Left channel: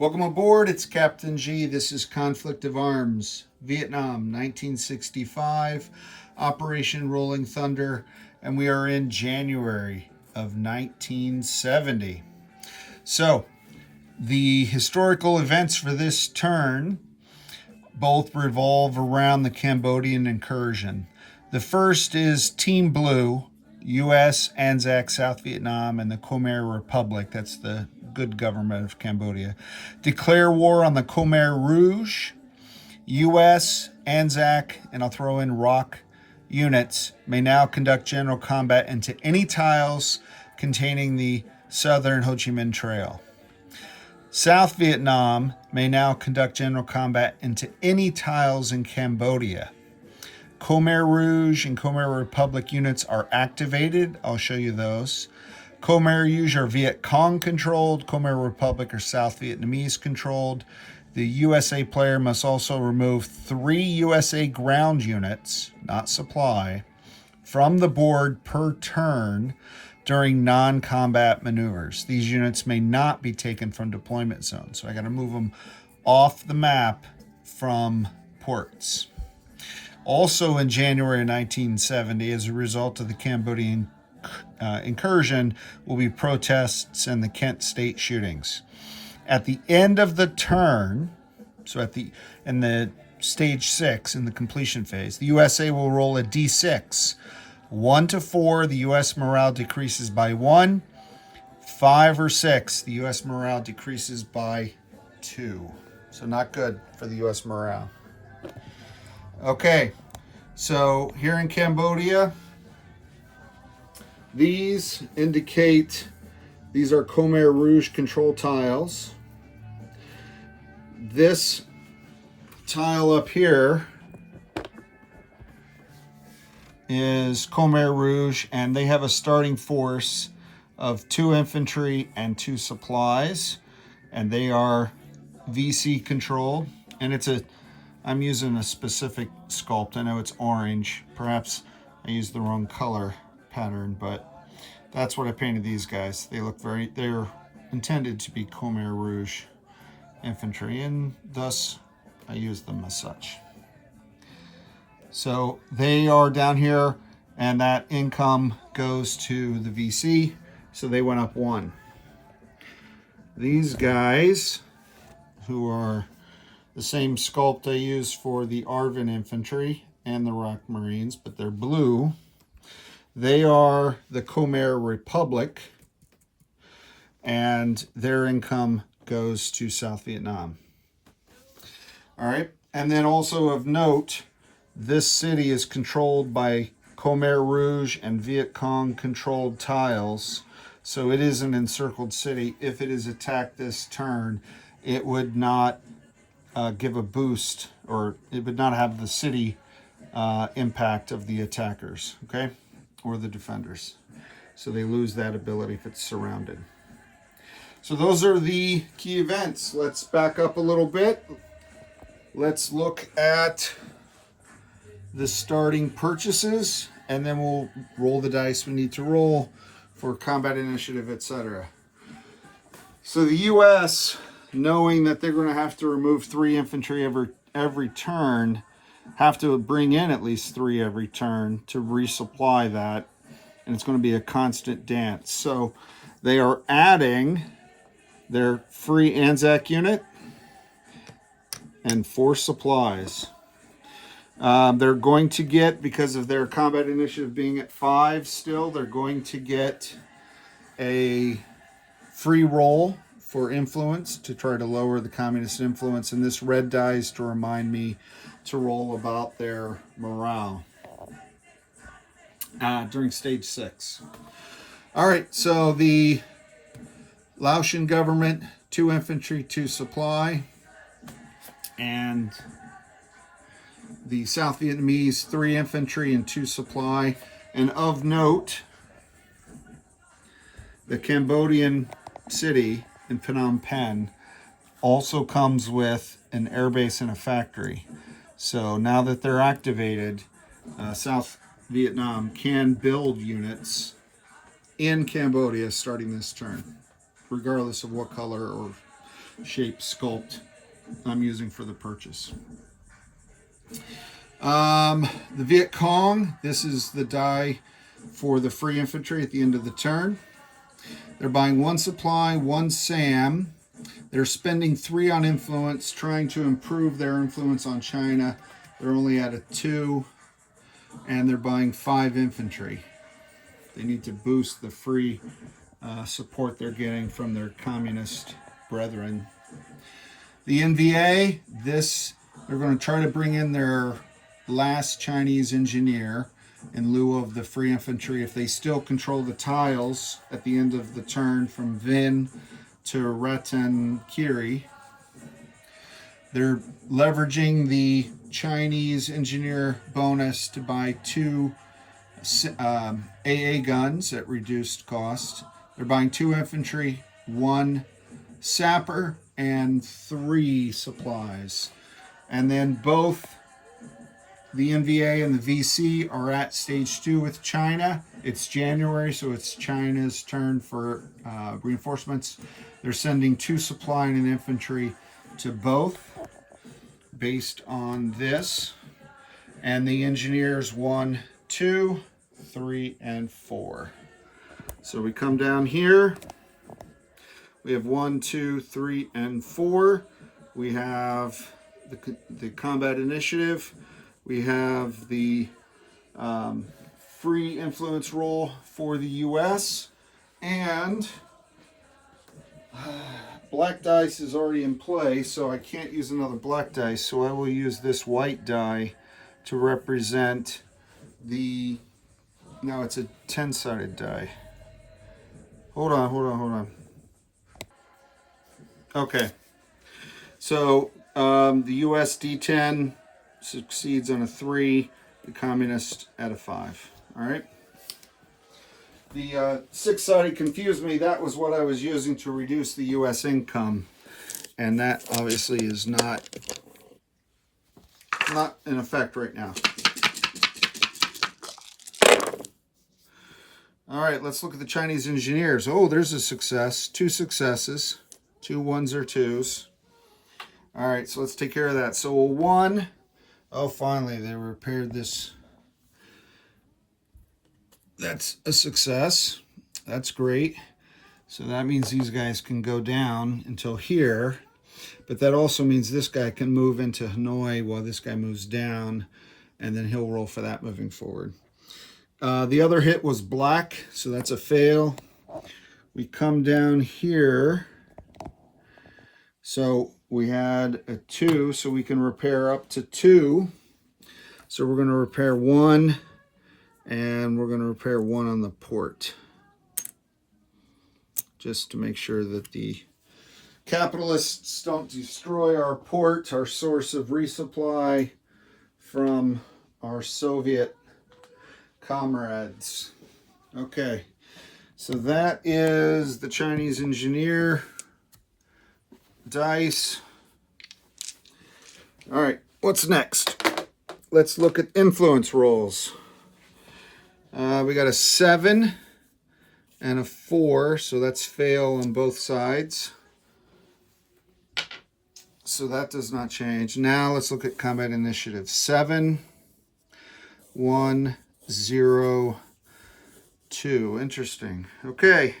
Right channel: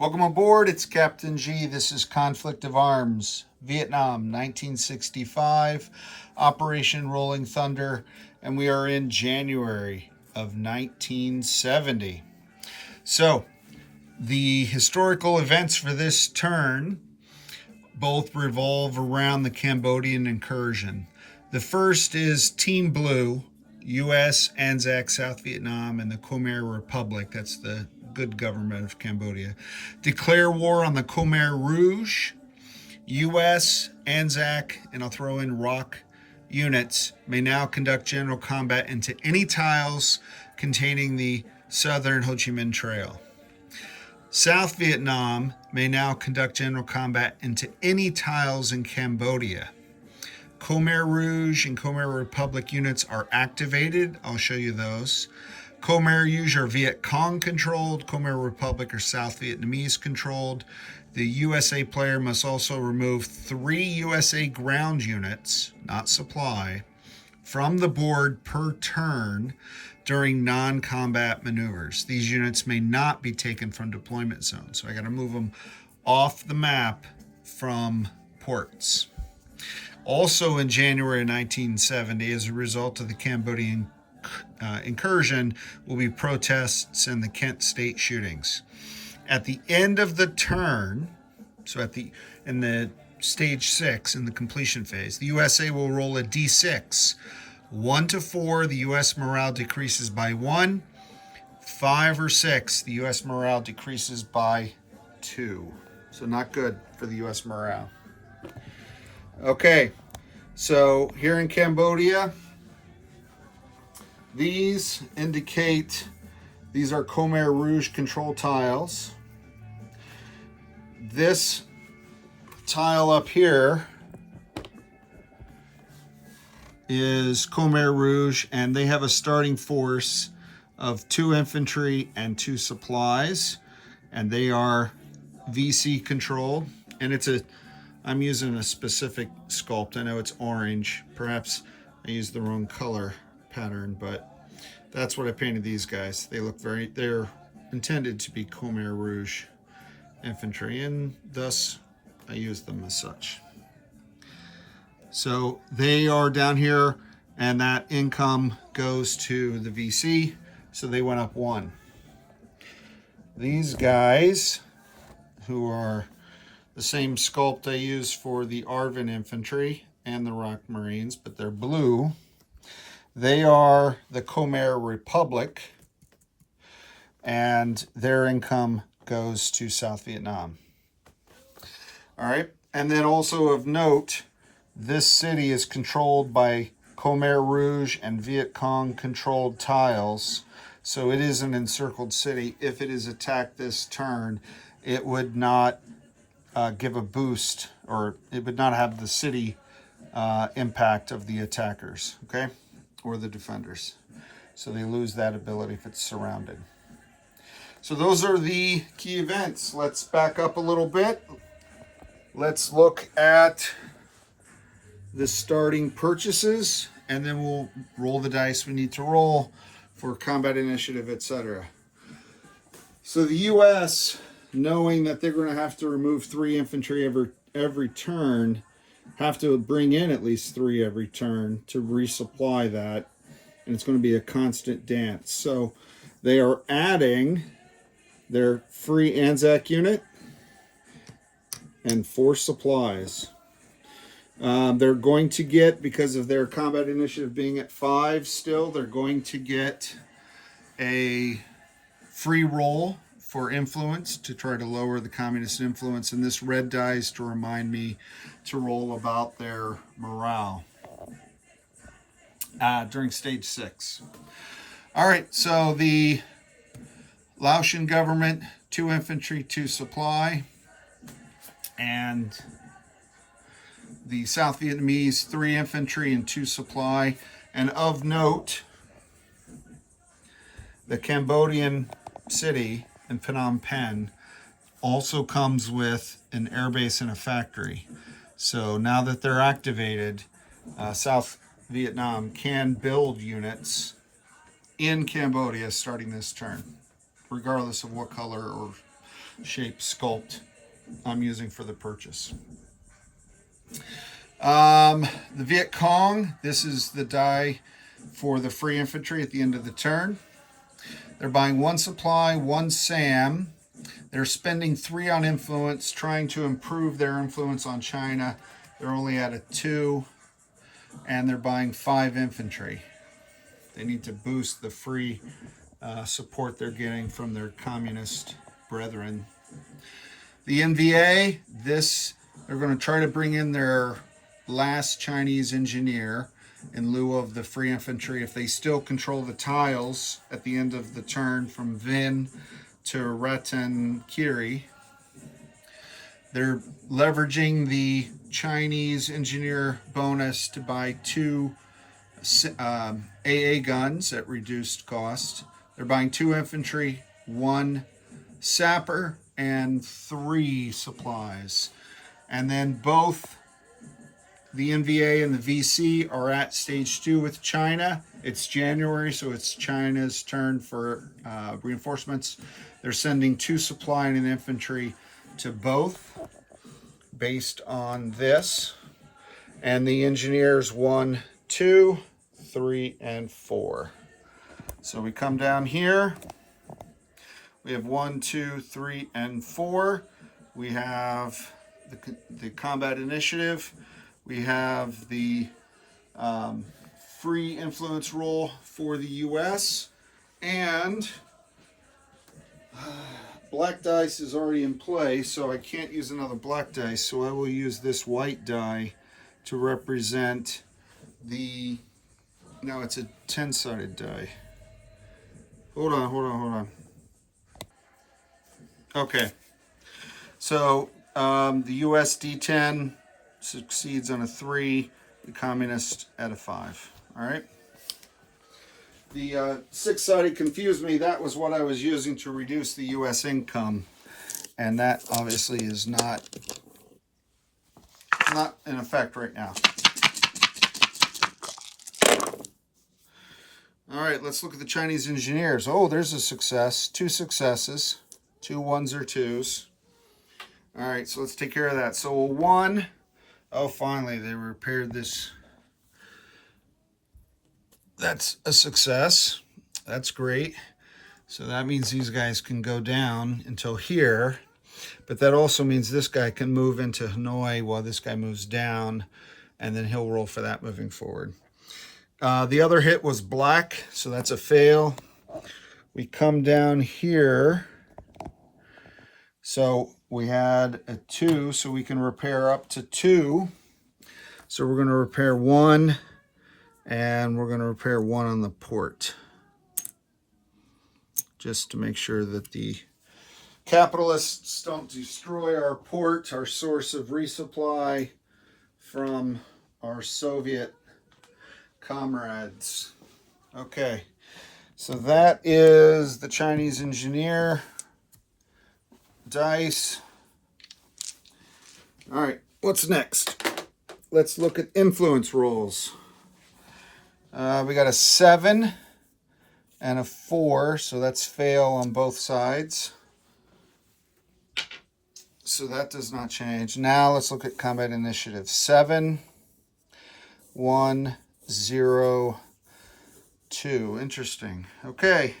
Welcome aboard. It's Captain G. This is Conflict of Arms, Vietnam, 1965, Operation Rolling Thunder, and we are in January of 1970. So, the historical events for this turn both revolve around the Cambodian incursion. The first is Team Blue, U.S., ANZAC, South Vietnam, and the Khmer Republic. That's the good government of Cambodia. Declare war on the Khmer Rouge. U.S., ANZAC, and I'll throw in ROC units may now conduct general combat into any tiles containing the southern Ho Chi Minh Trail. South Vietnam may now conduct general combat into any tiles in Cambodia. Khmer Rouge and Khmer Republic units are activated. I'll show you those. Khmer Rouge are Viet Cong controlled. Khmer Republic are South Vietnamese controlled. The USA player must also remove 3 USA ground units, not supply, from the board per turn during non-combat maneuvers. These units may not be taken from deployment zones. So I got to move them off the map from ports. Also in January 1970, as a result of the Cambodian incursion, will be protests and the Kent State shootings. At the end of the turn, so in the stage 6, in the completion phase, the USA will roll a D6. 1 to 4, the U.S. morale decreases by 1. 5 or 6, the U.S. morale decreases by 2. So not good for the U.S. morale. Okay, so here in Cambodia, these indicate these are Khmer Rouge control tiles. This tile up here is Khmer Rouge, and they have a starting force of 2 infantry and 2 supplies, and they are VC controlled. And I'm using a specific sculpt. I know it's orange. Perhaps I used the wrong color pattern, but that's what I painted these guys. They're intended to be Khmer Rouge infantry, and thus I used them as such. So they are down here, and that income goes to the VC, so they went up 1. These guys, who are the same sculpt I use for the Arvin infantry and the ROC Marines, but they're blue. They are the Khmer Republic, and their income goes to South Vietnam. All right, and then also of note, this city is controlled by Khmer Rouge and Viet Cong controlled tiles, so it is an encircled city. If it is attacked this turn, it would not give a boost, or it would not have the city impact of the attackers, okay, or the defenders. So they lose that ability if it's surrounded. So those are the key events. Let's back up a little bit. Let's look at the starting purchases, and then we'll roll the dice we need to roll for combat initiative, etc. So the U.S., knowing that they're going to have to remove 3 infantry every turn, have to bring in at least 3 every turn to resupply that, and it's going to be a constant dance. So they are adding their free ANZAC unit and 4 supplies. They're going to get, because of their combat initiative being at 5 still, they're going to get a free roll for influence to try to lower the communist influence, and this red dice to remind me to roll about their morale during stage 6. All right, so the Laotian government, 2 infantry, 2 supply, and the South Vietnamese, 3 infantry and 2 supply. And of note, the Cambodian city in Phnom Penh also comes with an airbase and a factory. So now that they're activated, South Vietnam can build units in Cambodia starting this turn, regardless of what color or shape sculpt I'm using for the purchase. The Viet Cong, this is the die for the free infantry at the end of the turn. They're buying 1 supply, 1 SAM. They're spending 3 on influence, trying to improve their influence on China. They're only at a 2, and they're buying 5 infantry. They need to boost the free support they're getting from their communist brethren. The NVA, they're going to try to bring in their last Chinese engineer in lieu of the free infantry if they still control the tiles at the end of the turn from Vinh to Ratan Kiri. They're leveraging the Chinese engineer bonus to buy 2 AA guns at reduced cost. They're buying 2 infantry, 1 sapper, and 3 supplies. And then both the NVA and the VC are at stage 2 with China. It's January, so it's China's turn for reinforcements. They're sending 2 supply and an infantry to both based on this. And the engineers 1, 2, 3, and 4. So we come down here. We have 1, 2, 3, and 4. We have the combat initiative. We have the free influence roll for the U.S. and black dice is already in play, so I can't use another black dice. So I will use this white die to represent the. No, it's a 10-sided die. Hold on. Okay. So the U.S. D10 succeeds on a 3, the communist at a 5. All right. The 6-sided confused me. That was what I was using to reduce the U.S. income, and that obviously is not in effect right now. All right, let's look at the Chinese engineers. Oh, there's a success. 2 successes. 2 1s or 2s. All right, so let's take care of that. So a 1. Oh, finally, they repaired this. That's a success. That's great. So that means these guys can go down until here. But that also means this guy can move into Hanoi while this guy moves down. And then he'll roll for that moving forward. The other hit was black, so that's a fail. We come down here. So we had a 2, so we can repair up to 2. So we're going to repair 1, and we're going to repair 1 on the port. Just to make sure that the capitalists don't destroy our port, our source of resupply from our Soviet comrades. Okay, so that is the Chinese engineer dice. All right, what's next? Let's look at influence rolls. We got a 7 and a 4, so that's fail on both sides. So that does not change. Now let's look at combat initiative. 7, 1, 0, 2. Interesting. Okay.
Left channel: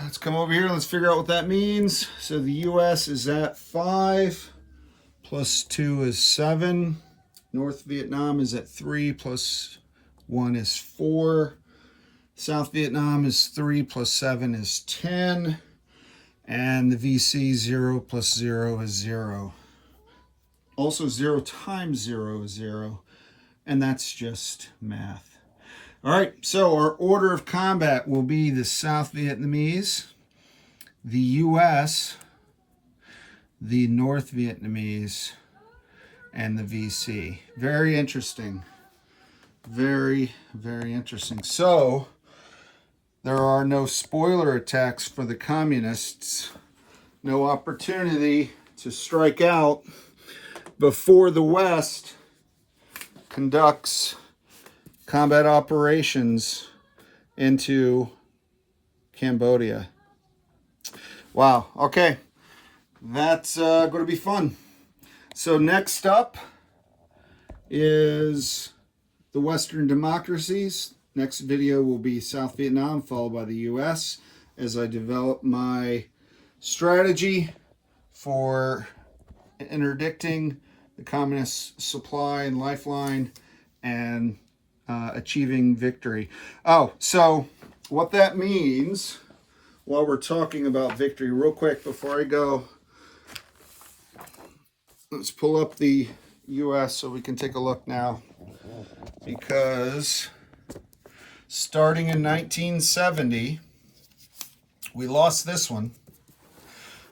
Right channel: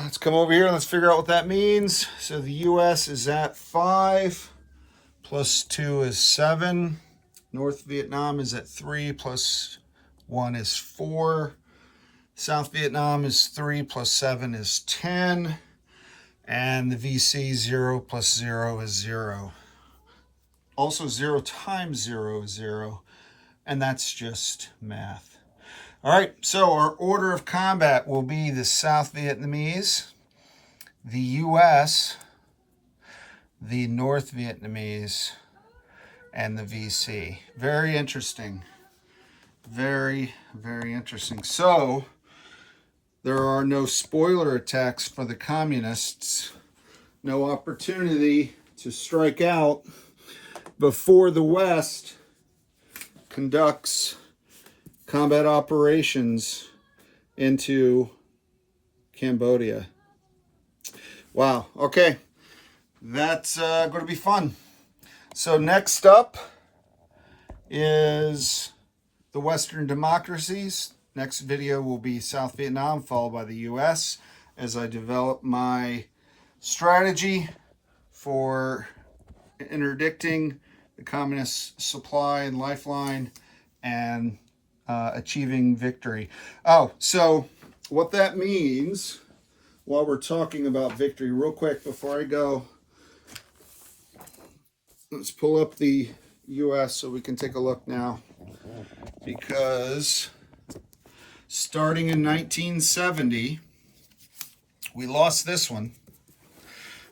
Let's come over here. Let's figure out what that means. So the U.S. is at 5, plus 2 is 7. North Vietnam is at 3, plus 1 is 4. South Vietnam is 3, plus 7 is 10. And the VC 0 plus 0 is 0. Also 0 times 0 is 0. And that's just math. All right, so our order of combat will be the South Vietnamese, the U.S., the North Vietnamese, and the VC. Very interesting. Very, very interesting. So there are no spoiler attacks for the communists. No opportunity to strike out before the West conducts combat operations into Cambodia. Wow. Okay. that's going to be fun. So next up is the Western democracies. Next video will be South Vietnam, followed by the US, as I develop my strategy for interdicting the communist supply and lifeline and achieving victory. Oh, so what that means, while we're talking about victory, real quick before I go, let's pull up the US so we can take a look now. Because starting in 1970, we lost this one,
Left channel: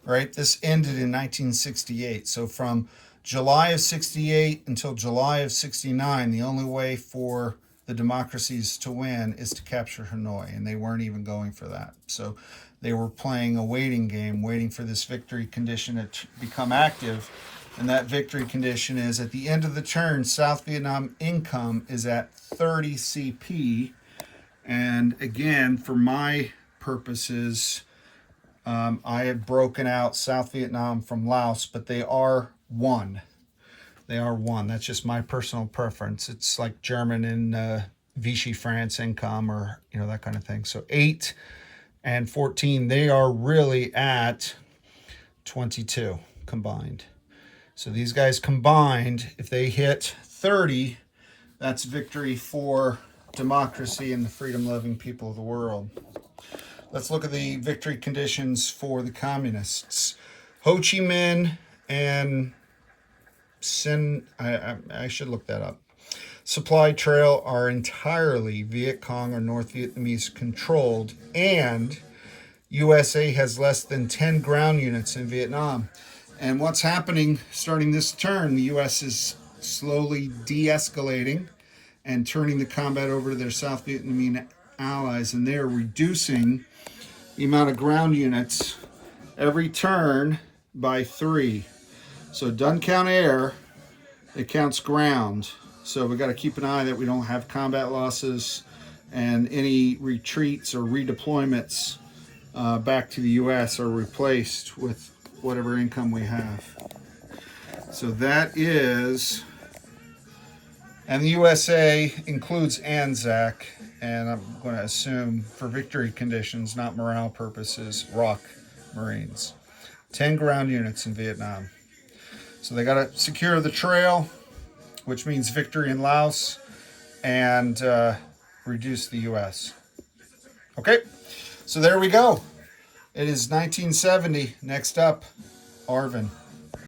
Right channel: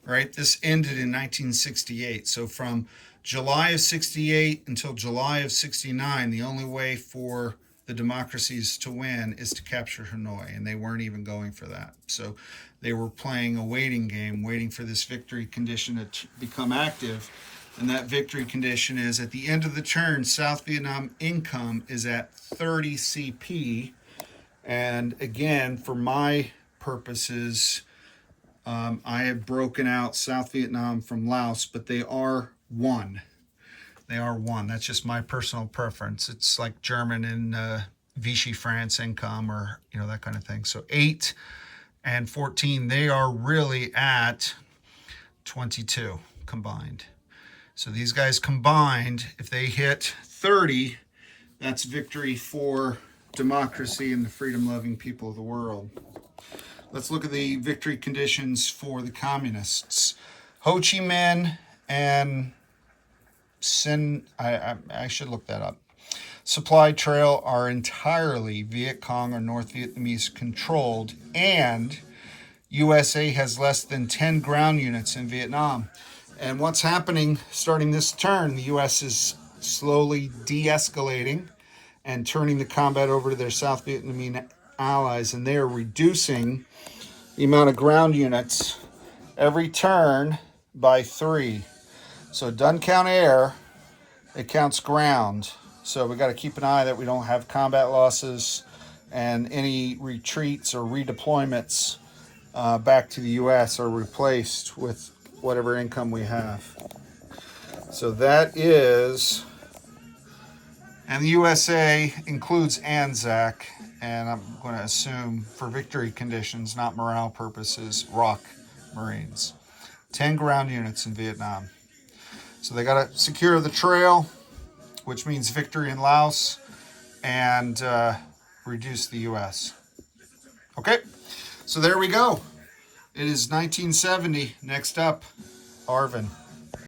right? This ended in 1968. So from July of 68 until July of 69, the only way for the democracies to win is to capture Hanoi, and they weren't even going for that. So they were playing a waiting game, waiting for this victory condition to become active. And that victory condition is at the end of the turn, South Vietnam income is at 30 CP. And again, for my purposes, I have broken out South Vietnam from Laos, but they are one. They are one. That's just my personal preference. It's like German and Vichy France income, or that kind of thing. So 8 and 14, they are really at 22 combined. So these guys combined, if they hit 30, that's victory for democracy and the freedom-loving people of the world. Let's look at the victory conditions for the communists. Ho Chi Minh and I should look that up. Supply Trail are entirely Viet Cong or North Vietnamese controlled, and USA has less than 10 ground units in Vietnam. And what's happening starting this turn, the U.S. is slowly de-escalating and turning the combat over to their South Vietnamese allies, and they are reducing the amount of ground units every turn by 3. So it doesn't count air, it counts ground. So we got to keep an eye that we don't have combat losses and any retreats or redeployments back to the U.S. are replaced with whatever income we have. So that is, and the USA includes ANZAC, and I'm going to assume for victory conditions, not morale purposes, ROC Marines. 10 ground units in Vietnam. So they got to secure the trail, which means victory in Laos, and reduce the US. Okay, so there we go. It is 1970. Next up, Arvin.